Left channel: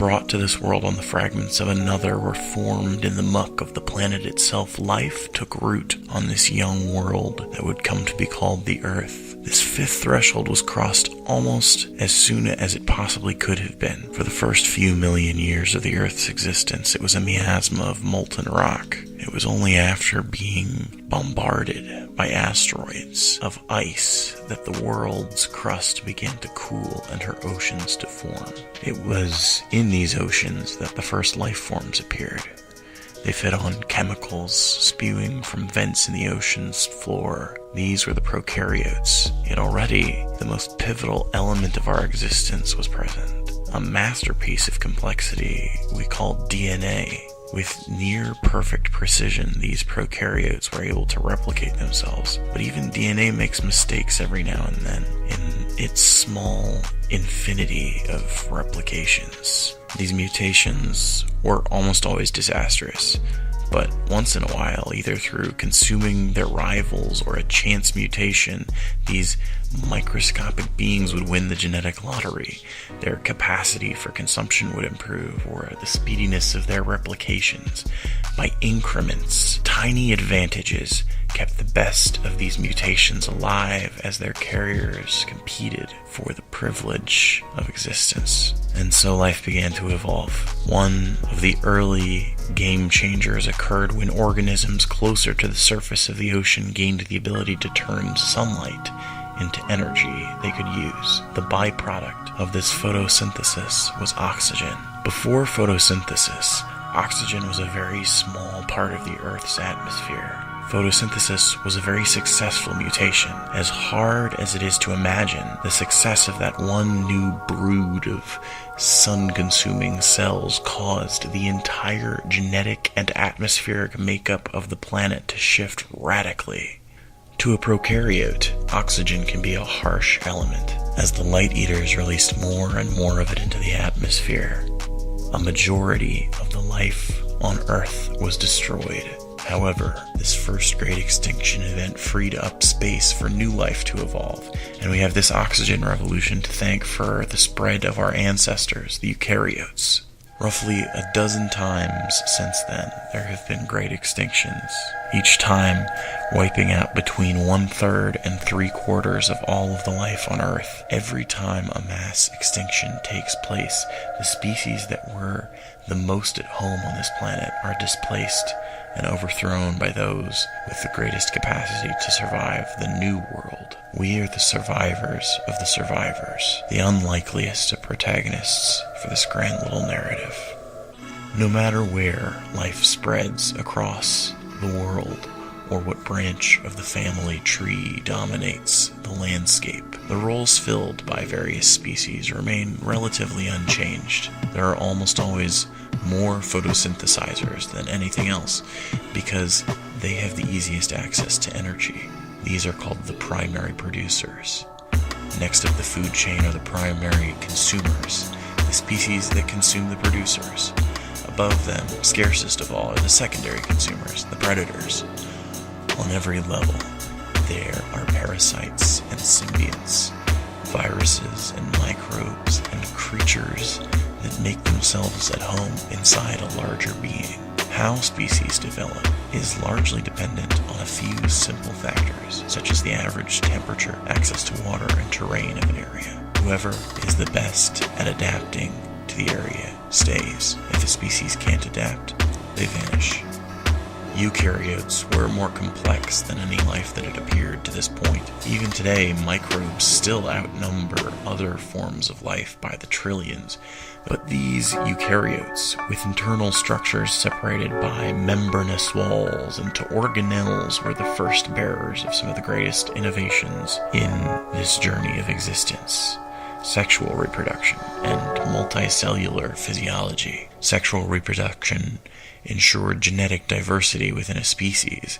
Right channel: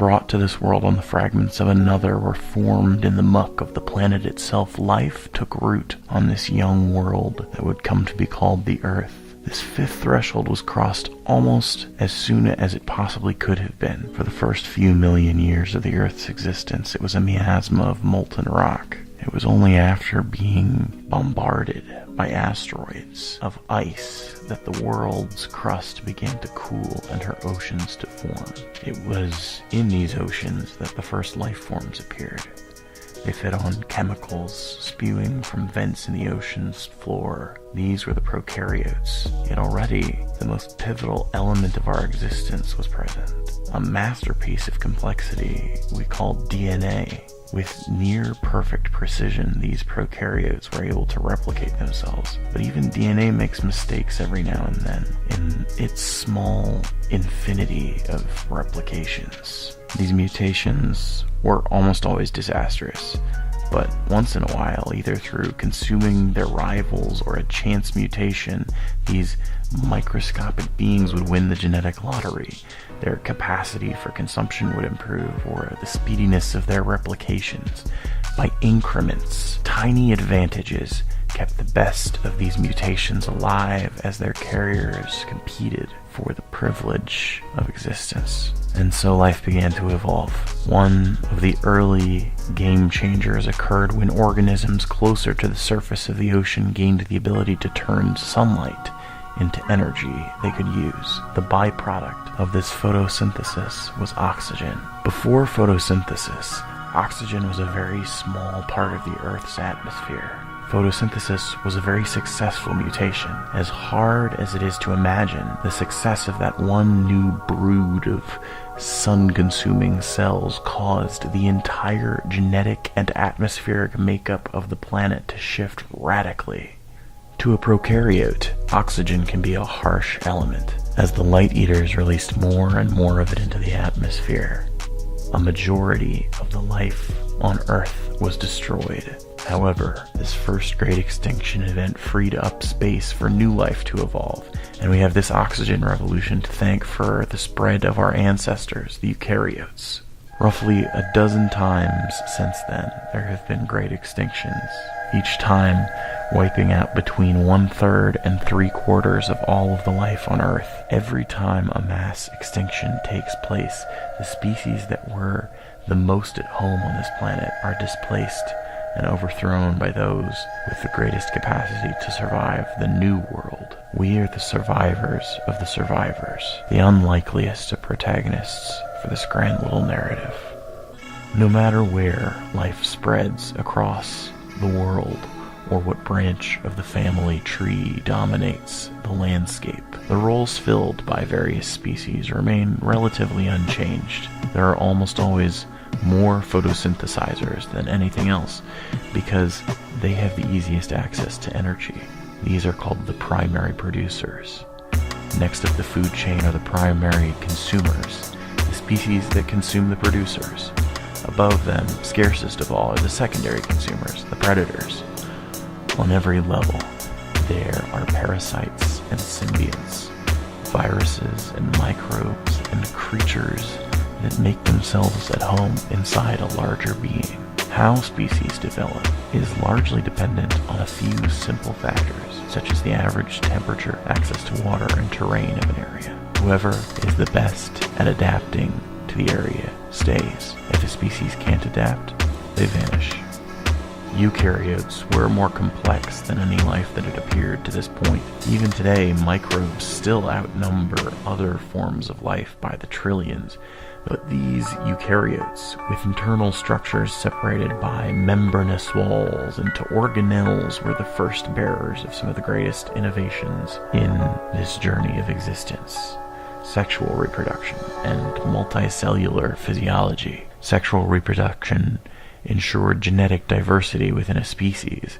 brought to this world on the fragments of another were formed in the muck of the planet itself, life took root on this young world that would come to be called the Earth. This fifth threshold was crossed almost as soon as it possibly could have been. For the first few million years of the Earth's existence, it was a miasma of molten rock. It was only after being bombarded by asteroids of ice that the world's crust began to cool and her oceans to form. It was in these oceans that the first life forms appeared. They fed on chemicals spewing from vents in the ocean's floor. These were the prokaryotes, yet already the most pivotal element of our existence was present. A masterpiece of complexity we called DNA. With near-perfect precision, these prokaryotes were able to replicate themselves. But even DNA makes mistakes every now and then in its small infinity of replications. These mutations were almost always disastrous, but once in a while, either through consuming their rivals or a chance mutation, these microscopic beings would win the genetic lottery. Their capacity for consumption would improve, or the speediness of their replications. By increments, tiny advantages kept the best of these mutations alive as their carriers competed for the privilege of existence. And so life began to evolve. One of the early game changers occurred when organisms closer to the surface of the ocean gained the ability to turn sunlight into energy they could use. The byproduct of this photosynthesis was oxygen. Before photosynthesis, oxygen was a very small part of the Earth's atmosphere. Photosynthesis was a very successful mutation. As hard as it is to imagine, the success of that one new brood of sun-consuming cells caused the entire genetic and atmospheric makeup of the planet to shift radically. To a prokaryote, oxygen can be a harsh element. As the light eaters released more and more of it into the atmosphere, a majority of the life on Earth was destroyed. However, this first great extinction event freed up space for new life to evolve, and we have this oxygen revolution to thank for the spread of our ancestors, the eukaryotes. Roughly a dozen times since then, there have been great extinctions, each time wiping out between 1/3 and 3/4 of all of the life on Earth. Every time a mass extinction takes place, the species that were the most at home on this planet are displaced and overthrown by those with the greatest capacity to survive the new world. We are the survivors of the survivors, the unlikeliest of protagonists for this grand little narrative. No matter where life spreads across the world, or what branch of the family tree dominates the landscape, the roles filled by various species remain relatively unchanged. There are almost always more photosynthesizers than anything else because they have the easiest access to energy. These are called the primary producers. Next up the food chain are the primary consumers, the species that consume the producers. Above them, scarcest of all, are the secondary consumers, the predators. On every level, there are parasites and symbiotes, viruses and microbes and creatures that make themselves at home inside a larger being. How species develop is largely dependent on a few simple factors, such as the average temperature, access to water, and terrain of an area. Whoever is the best at adapting to the area stays. If the species can't adapt, they vanish. Eukaryotes were more complex than any life that had appeared to this point. Even today, microbes still outnumber other forms of life by the trillions, but these eukaryotes, with internal structures separated by membranous walls into organelles, were the first bearers of some of the greatest innovations in this journey of existence. Sexual reproduction and multicellular physiology. Sexual reproduction ensured genetic diversity within a species,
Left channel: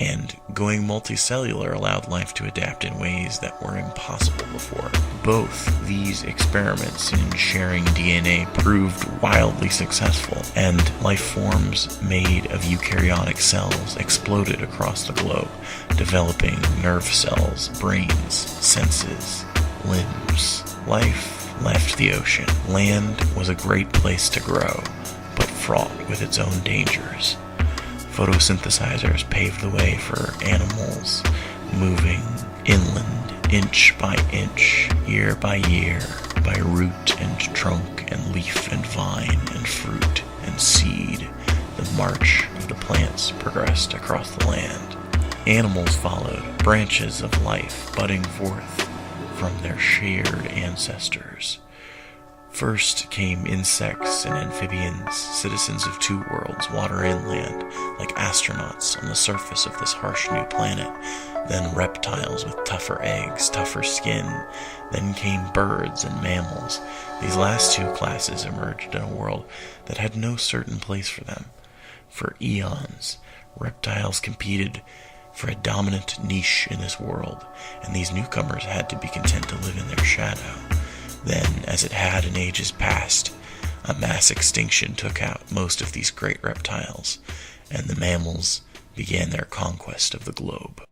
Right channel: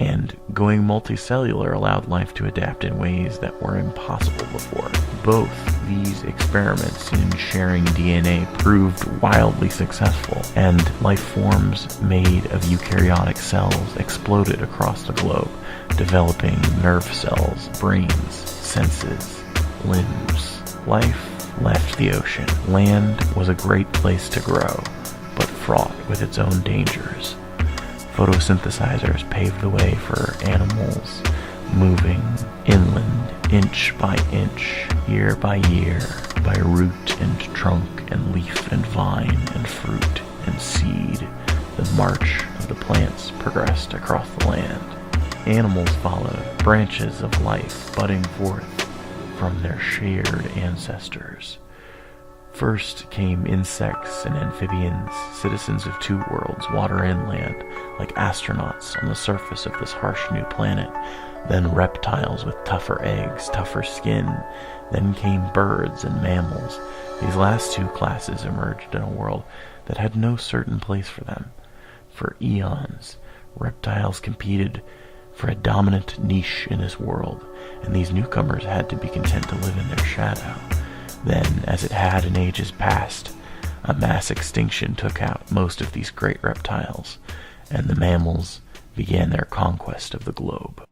and going multicellular allowed life to adapt in ways that were impossible before. Both these experiments in sharing DNA proved wildly successful, and life forms made of eukaryotic cells exploded across the globe, developing nerve cells, brains, senses, limbs. Life left left the ocean. Land was a great place to grow, but fraught with its own dangers. Photosynthesizers paved the way for animals, moving inland inch by inch, year by year, by root and trunk and leaf and vine and fruit and seed. The march of the plants progressed across the land. Animals followed, branches of life budding forth from their shared ancestors. First came insects and amphibians, citizens of two worlds, water and land, like astronauts on the surface of this harsh new planet. Then reptiles with tougher eggs, tougher skin. Then came birds and mammals. These last two classes emerged in a world that had no certain place for them. For eons, reptiles competed for a dominant niche in this world, and these newcomers had to be content to live in their shadow. Then, as it had in ages past, a mass extinction took out most of these great reptiles, and the mammals began their conquest of the globe.